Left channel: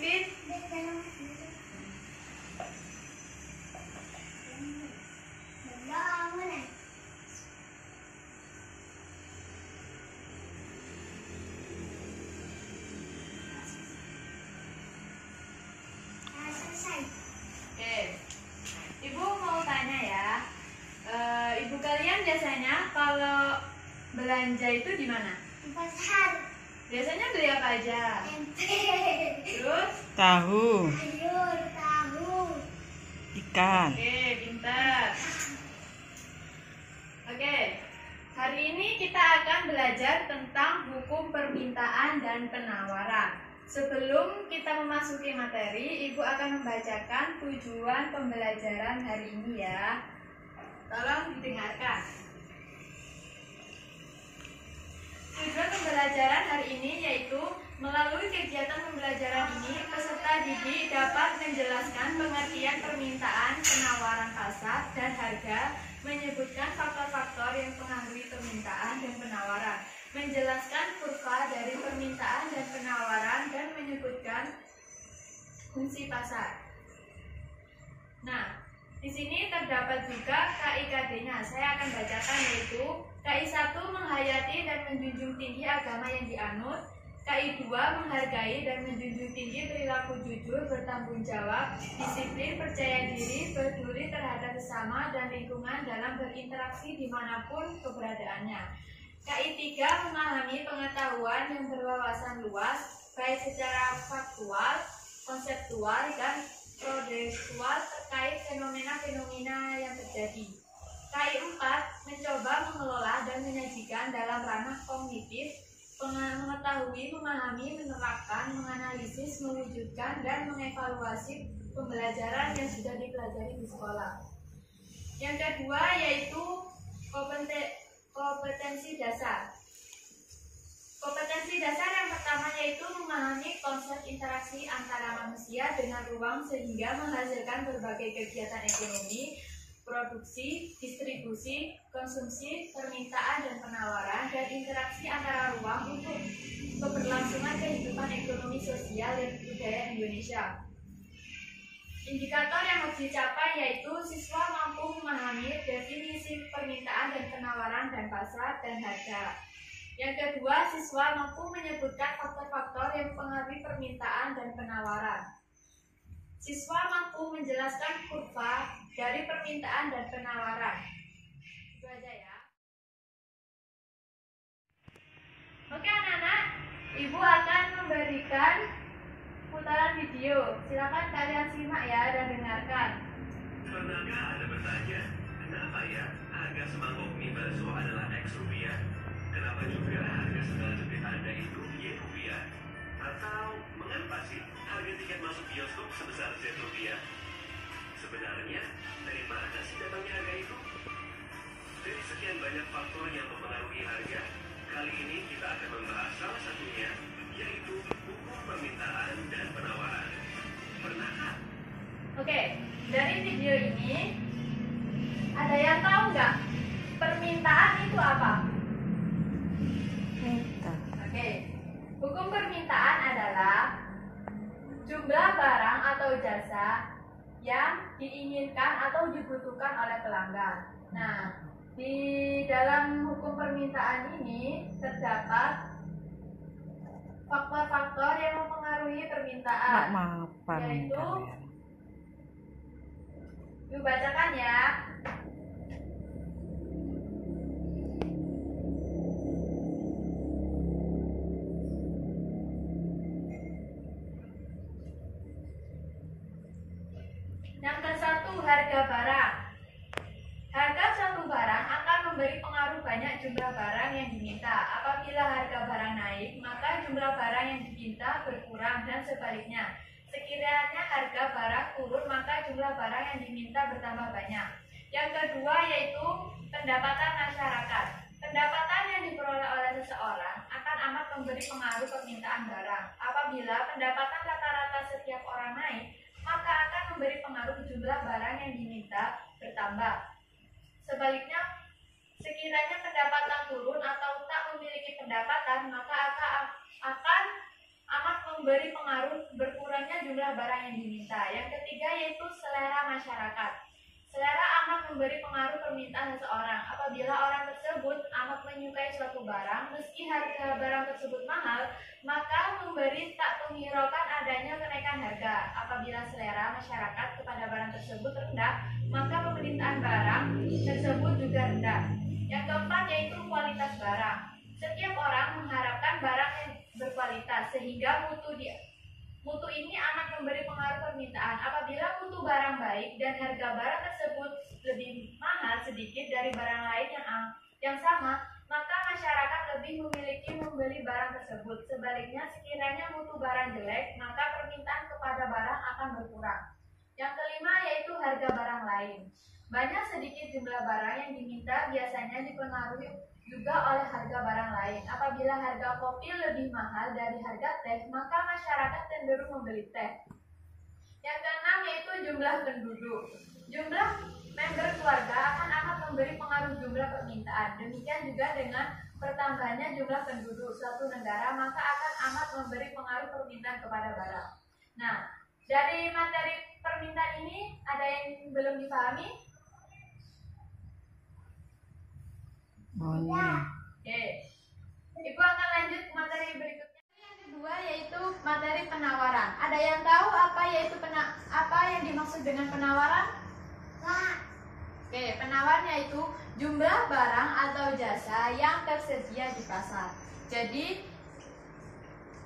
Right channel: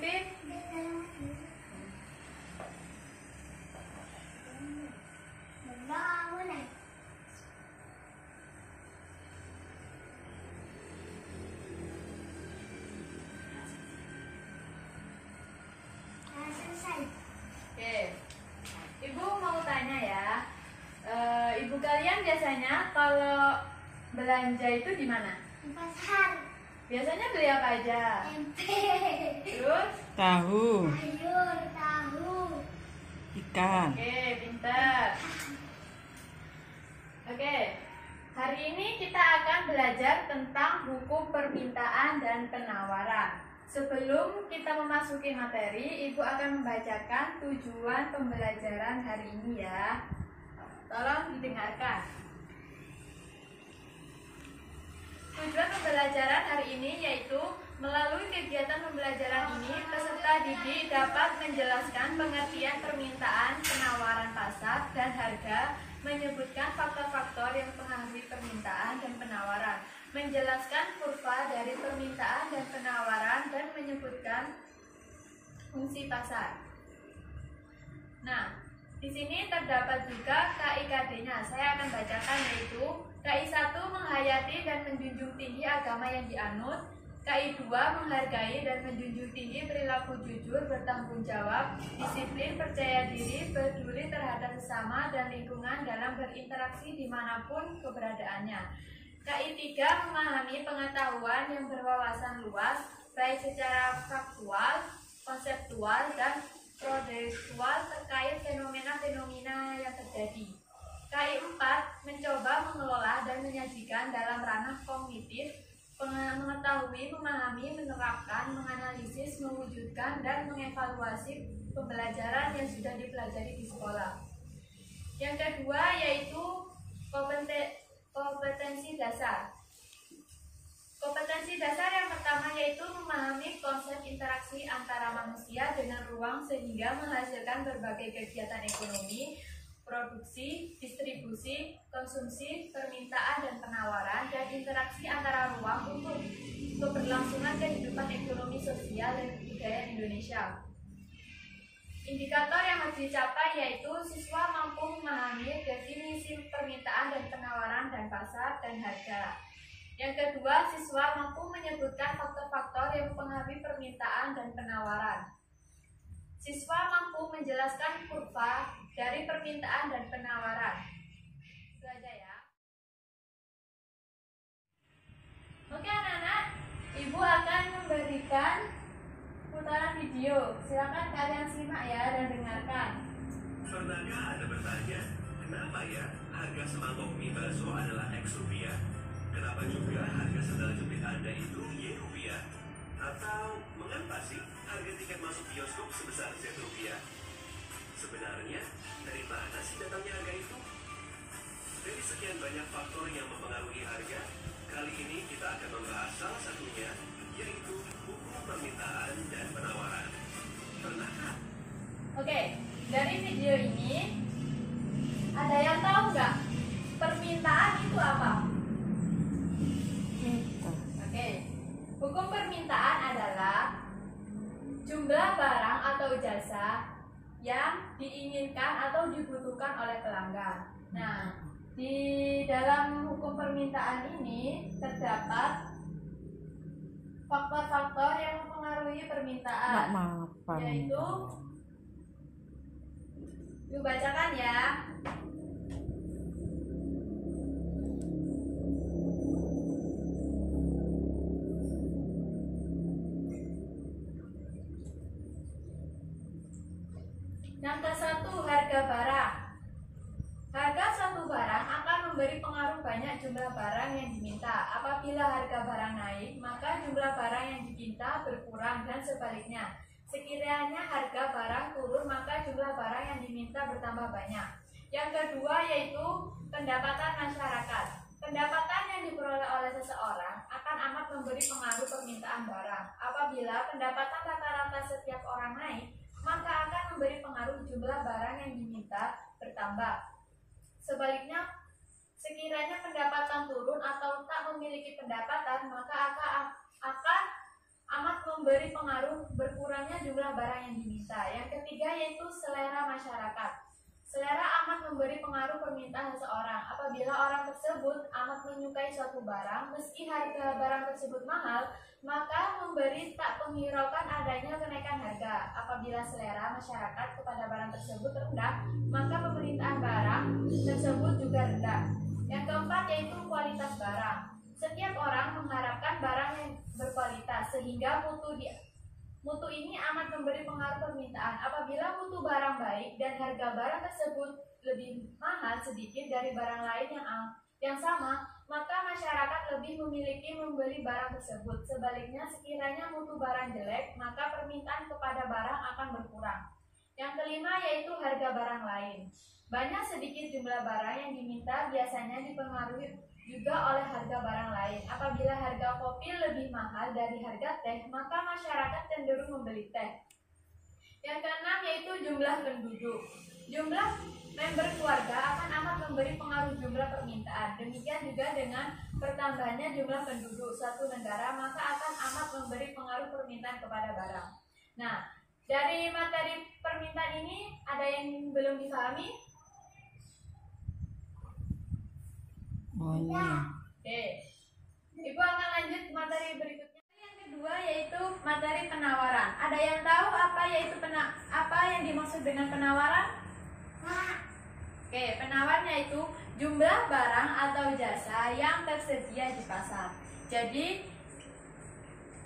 Pipin? Oke, Ibu mau tanya ya, Ibu kalian biasanya kalau belanja itu di mana? Di pasar. Biasanya beli apa aja? Tempe. Terus? Tahu, Sayur, tahu. ikan. Oke, pintar. Oke, hari ini kita akan belajar tentang hukum permintaan dan penawaran. Sebelum kita memasuki materi, Ibu akan membacakan tujuan pembelajaran hari ini ya. Tolong didengarkan. Tujuan pembelajaran hari ini yaitu melalui kegiatan pembelajaran ini, peserta didik dapat menjelaskan pengertian permintaan, penawaran pasar, dan harga, menyebutkan faktor-faktor yang mempengaruhi permintaan dan penawaran, menjelaskan kurva dari permintaan dan penawaran, dan menyebutkan fungsi pasar. Nah, di sini terdapat juga KIKD-nya. Saya akan bacakan, yaitu KI1 menghayati dan menjunjung tinggi agama yang dianut. KI2 menghargai dan menjunjung tinggi perilaku jujur, bertanggung jawab, disiplin, percaya diri, peduli terhadap sesama dan lingkungan dalam berinteraksi dimanapun keberadaannya. KI3 memahami pengetahuan yang berwawasan luas, baik secara faktual, konseptual, dan prosedural terkait fenomena-fenomena yang terjadi. KI4 mencoba mengelola dan menyajikan dalam ranah kognitif, mengetahui, memahami, menerapkan, menganalisis, mewujudkan, dan mengevaluasi pembelajaran yang sudah dipelajari di sekolah. Yang kedua yaitu kompetensi dasar. Kompetensi dasar yang pertama yaitu memahami konsep interaksi antara manusia dengan ruang sehingga menghasilkan berbagai kegiatan ekonomi, produksi, distribusi, konsumsi, permintaan dan penawaran, dan interaksi antara ruang untuk keberlangsungan kehidupan ekonomi sosial dan budaya Indonesia. Indikator yang harus dicapai yaitu siswa mampu memahami definisi permintaan dan penawaran dan pasar dan harga. Yang kedua, siswa mampu menyebutkan faktor-faktor yang mempengaruhi permintaan dan penawaran. Siswa mampu menjelaskan kurva dari permintaan dan penawaran. Itu aja ya. Oke anak-anak, Ibu akan memberikan putaran video. Silakan kalian simak ya dan dengarkan. Pernahkah Anda bertanya, kenapa ya harga semangkok mie bakso adalah X rupiah? Kenapa juga harga sandal jepit Anda itu Y rupiah? Atau mengapa sih harga tiket masuk bioskop sebesar Z rupiah? Sebenarnya, dari mana sih datangnya harga itu? Dari sekian banyak faktor yang mempengaruhi harga, kali ini kita akan membahas salah satunya, yaitu hukum permintaan dan penawaran. Pernahkah? Oke, dari video ini ada yang tahu nggak permintaan itu apa? Oke, hukum permintaan adalah jumlah barang atau jasa yang diinginkan atau dibutuhkan oleh pelanggan. Nah, di dalam hukum permintaan ini terdapat faktor-faktor yang mempengaruhi permintaan, yaitu, yuk bacakan ya. Yang ke-1, harga barang. Harga suatu barang akan memberi pengaruh banyak jumlah barang yang diminta. Apabila harga barang naik, maka jumlah barang yang diminta berkurang dan sebaliknya. Sekiranya harga barang turun, maka jumlah barang yang diminta bertambah banyak. Yang kedua yaitu pendapatan masyarakat. Pendapatan yang diperoleh oleh seseorang akan amat memberi pengaruh permintaan barang. Apabila pendapatan rata-rata setiap orang naik, maka akan memberi pengaruh jumlah barang yang diminta bertambah. Sebaliknya, sekiranya pendapatan turun atau tak memiliki pendapatan, maka akan amat memberi pengaruh berkurangnya kepada barang yang diminta. Yang ketiga yaitu selera masyarakat. Selera amat memberi pengaruh permintaan seseorang. Apabila orang tersebut amat menyukai suatu barang, meski harga barang tersebut mahal, maka memberi tak menghiraukan adanya kenaikan harga. Apabila selera masyarakat kepada barang tersebut rendah, maka permintaan barang tersebut juga rendah. Yang keempat yaitu kualitas barang. Setiap orang mengharapkan barang yang berkualitas, sehingga mutu ini amat memberi pengaruh permintaan. Apabila mutu barang baik dan harga barang tersebut lebih mahal sedikit dari barang lain yang sama, maka masyarakat lebih memiliki membeli barang tersebut. Sebaliknya, sekiranya mutu barang jelek, maka permintaan kepada barang akan berkurang. Yang kelima yaitu harga barang lain. Banyak sedikit jumlah barang yang diminta biasanya dipengaruhi juga oleh harga barang lain. Apabila harga kopi lebih mahal dari harga teh, maka masyarakat cenderung membeli teh. Yang keenam yaitu jumlah penduduk. Jumlah member keluarga akan amat memberi pengaruh jumlah permintaan. Demikian juga dengan bertambahnya jumlah penduduk suatu negara, maka akan amat memberi pengaruh permintaan kepada barang. Nah, dari materi permintaan ini ada yang belum dipahami? Oke, Ibu akan lanjut ke materi berikutnya. Yang kedua yaitu materi penawaran. Ada yang tahu apa yang dimaksud dengan penawaran? Oke, penawaran yaitu jumlah barang atau jasa yang tersedia di pasar. Jadi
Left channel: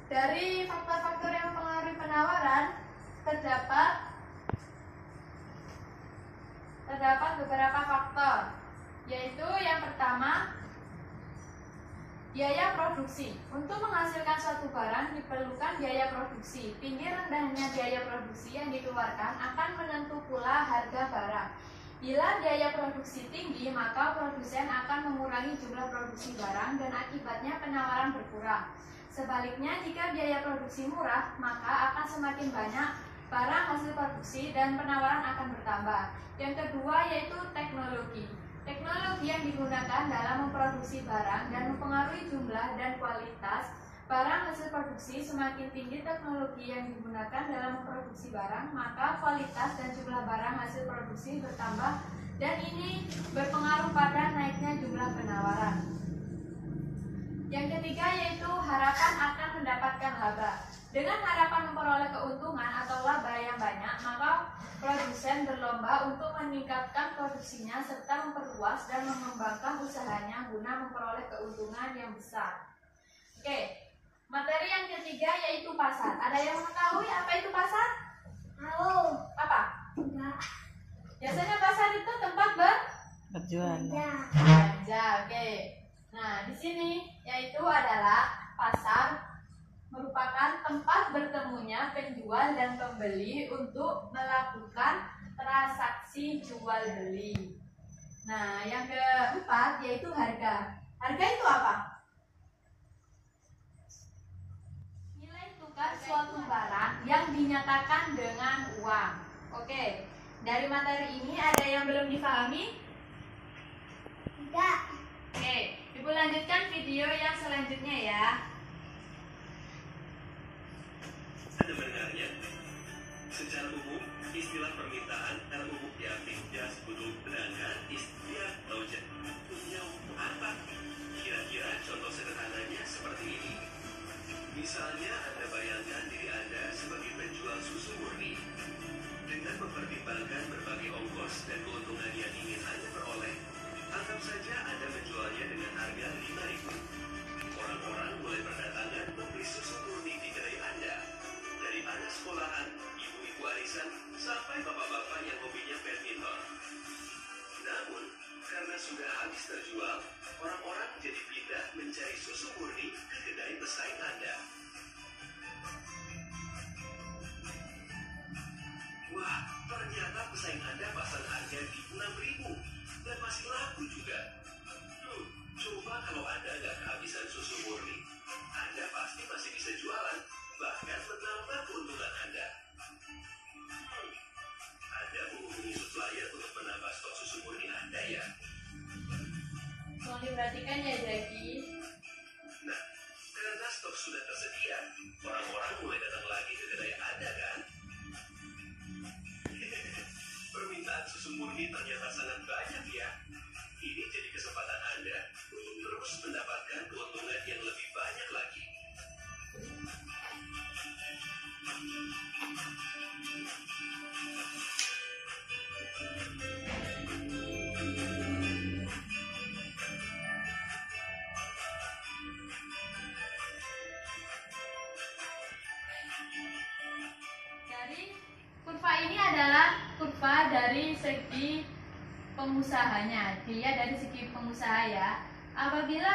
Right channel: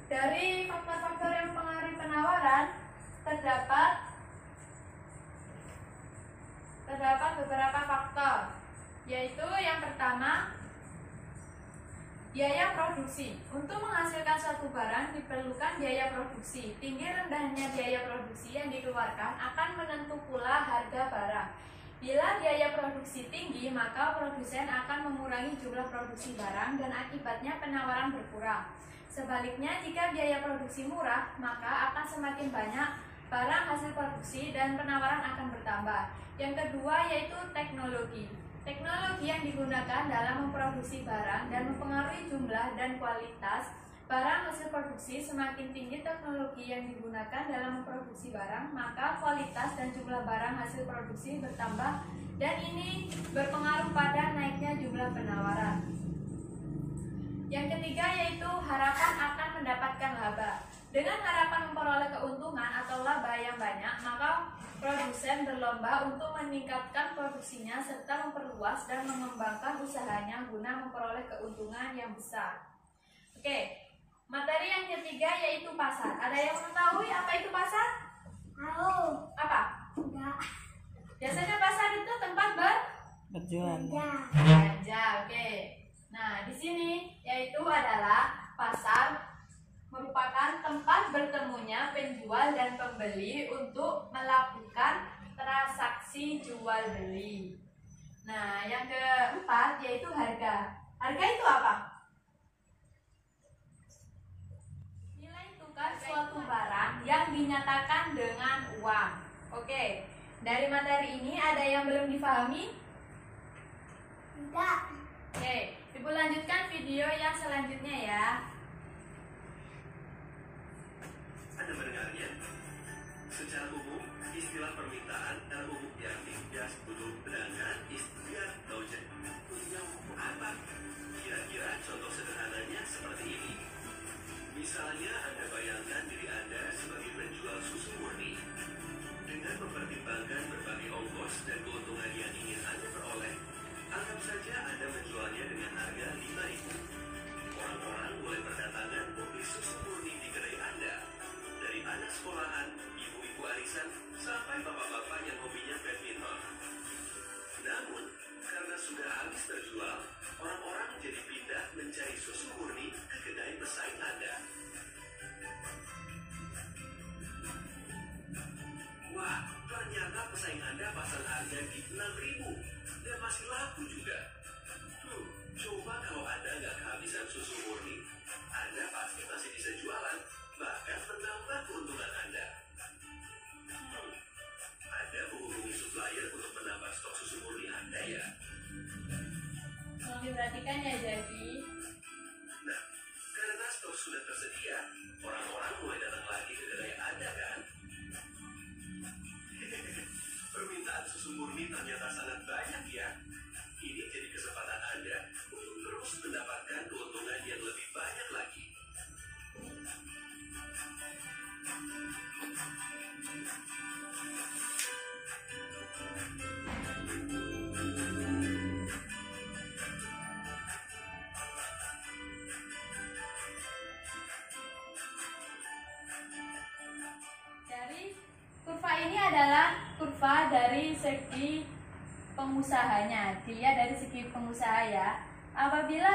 dari faktor-faktor yang mempengaruhi penawaran terdapat beberapa faktor. Yaitu yang pertama, biaya produksi. Untuk menghasilkan suatu barang diperlukan biaya produksi. Tinggi rendahnya biaya produksi yang dikeluarkan akan menentu pula harga barang. Bila biaya produksi tinggi, maka produsen akan mengurangi jumlah produksi barang dan akibatnya penawaran berkurang. Sebaliknya, jika biaya produksi murah, maka akan semakin banyak barang hasil produksi dan penawaran akan bertambah. Yang kedua yaitu teknologi. Teknologi yang digunakan dalam memproduksi barang dan mempengaruhi jumlah dan kualitas barang hasil produksi. Semakin tinggi teknologi yang digunakan dalam memproduksi barang, maka kualitas dan jumlah barang hasil produksi bertambah, dan ini berpengaruh pada naiknya jumlah penawaran. Yang ketiga yaitu harapan akan mendapatkan laba. Dengan harapan memperoleh keuntungan atau laba yang banyak, maka produsen berlomba untuk meningkatkan produksinya serta memperluas dan mengembangkan usahanya guna memperoleh keuntungan yang besar. Oke, materi yang ketiga yaitu pasar. Ada yang mengetahui apa itu pasar? Tahu. Apa? Enggak. Biasanya pasar itu tempat berjualan. belanja. Oke. Nah, di sini yaitu adalah pasar merupakan tempat bertemunya penjual dan pembeli untuk melakukan transaksi jual beli. Nah, yang keempat yaitu harga. Harga itu apa? Nilai tukar suatu barang yang dinyatakan dengan uang. Oke, dari materi ini ada yang belum dipahami? Enggak. Oke, Ibu lanjutkan video yang selanjutnya ya. Anda mendengarnya? Secara umum, istilah permintaan dalam umum diartikan untuk sedangkan istilah dojen. Punya apa? Kira-kira contoh sederhananya seperti ini. Misalnya Anda bayangkan diri Anda sebagai penjual susu murni. Dengan mempertimbangkan berbagai ongkos dan keuntungan yang ingin Anda peroleh, anggap saja Anda menjualnya dengan harga 5.000. Orang-orang mulai berdatangan membeli susu murni di kedai Anda. Dari anak sekolahan, ibu-ibu arisan, sampai bapak-bapak yang hobinya badminton. Namun, karena sudah habis terjual, orang-orang jadi pindah mencari susu murni ke kedai pesaing Anda. Wah, ternyata pesaing Anda pasang harga di 6.000 dan masih laku juga. Coba kalau Anda nggak kehabisan susu murni, Anda pasti masih bisa jualan, bahkan menambah keuntungan Anda. Anda menghubungi supplier untuk menambah stok susu murni Anda ya. Tolong diperhatikan ya, Jaki. Nah, karena stok sudah tersedia, orang-orang mulai datang lagi ke kedai Anda kan? ternyata sangat banyak ya. Ini jadi kesempatan Anda untuk terus mendapatkan keuntungan yang lebih banyak lagi. Dari kurva ini adalah kurva dari segi pengusahanya. Dilihat dari segi pengusaha ya. Apabila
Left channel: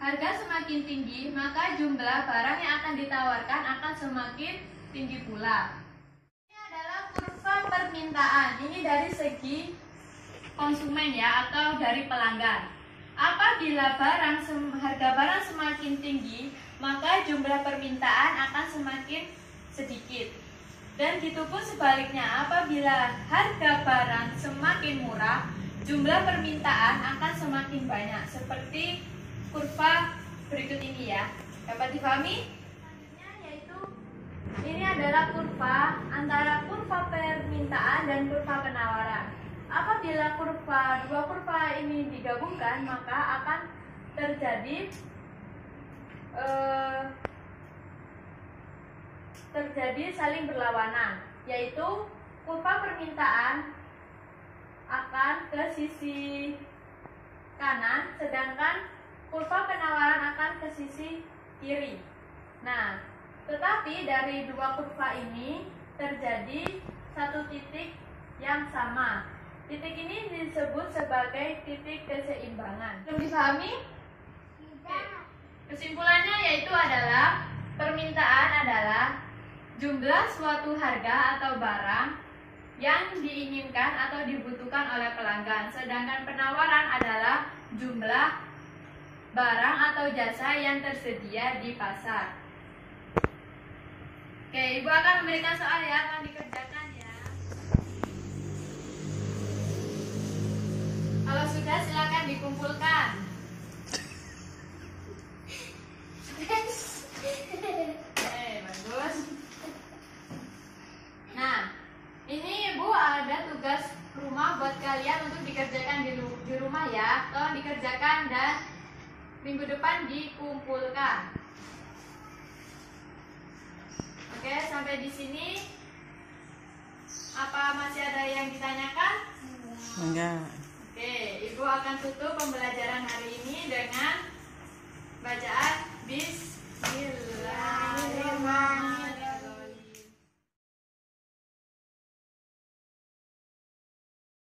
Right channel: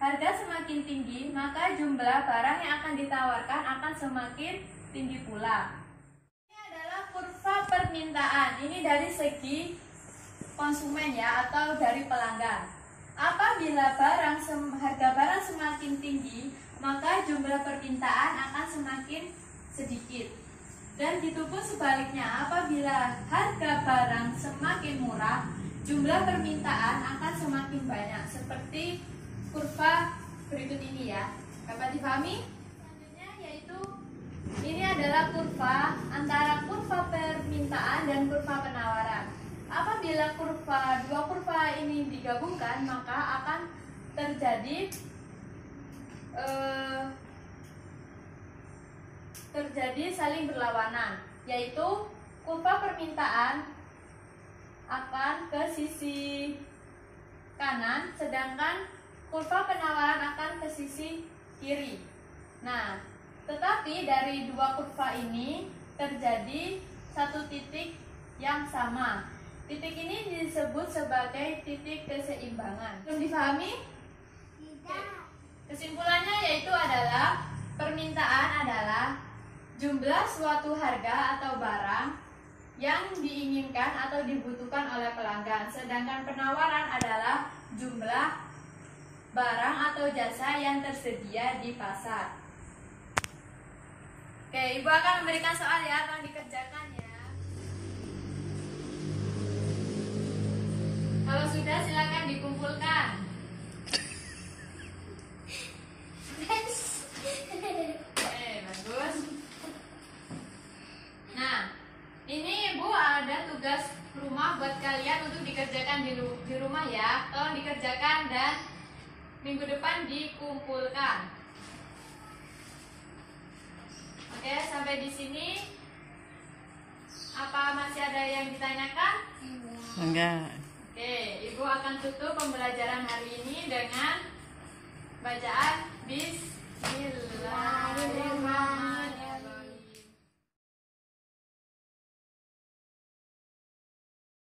harga semakin tinggi, maka jumlah barang yang akan ditawarkan akan semakin tinggi pula. Ini adalah kurva permintaan. Ini dari segi konsumen ya, atau dari pelanggan. Apabila harga barang semakin tinggi, maka jumlah permintaan akan semakin sedikit. Dan gitu pun sebaliknya, apabila harga barang semakin murah, jumlah permintaan akan semakin banyak. Seperti kurva berikut ini ya. Dapat dipahami? Selanjutnya yaitu ini adalah kurva antara kurva permintaan dan kurva penawaran. Apabila dua kurva ini digabungkan, maka akan terjadi saling berlawanan, yaitu kurva permintaan akan ke sisi kanan, sedangkan kurva penawaran akan ke sisi kiri. Nah, tetapi dari dua kurva ini terjadi satu titik yang sama. Titik ini disebut sebagai titik keseimbangan. Belum dipahami? Tidak. Kesimpulannya yaitu adalah permintaan adalah jumlah suatu harga atau barang yang diinginkan atau dibutuhkan oleh pelanggan. Sedangkan penawaran adalah jumlah barang atau jasa yang tersedia di pasar. Oke, Ibu akan memberikan soal ya, tolong dikerjakan ya. Kalau sudah silakan dikumpulkan. Bagus. Nah, ini Ibu ada tugas rumah buat kalian untuk dikerjakan di rumah ya. Tolong dikerjakan dan minggu depan dikumpulkan. Oke, sampai di sini. Apa masih ada yang ditanyakan? Enggak. Oke, Ibu akan tutup pembelajaran hari ini dengan bacaan bis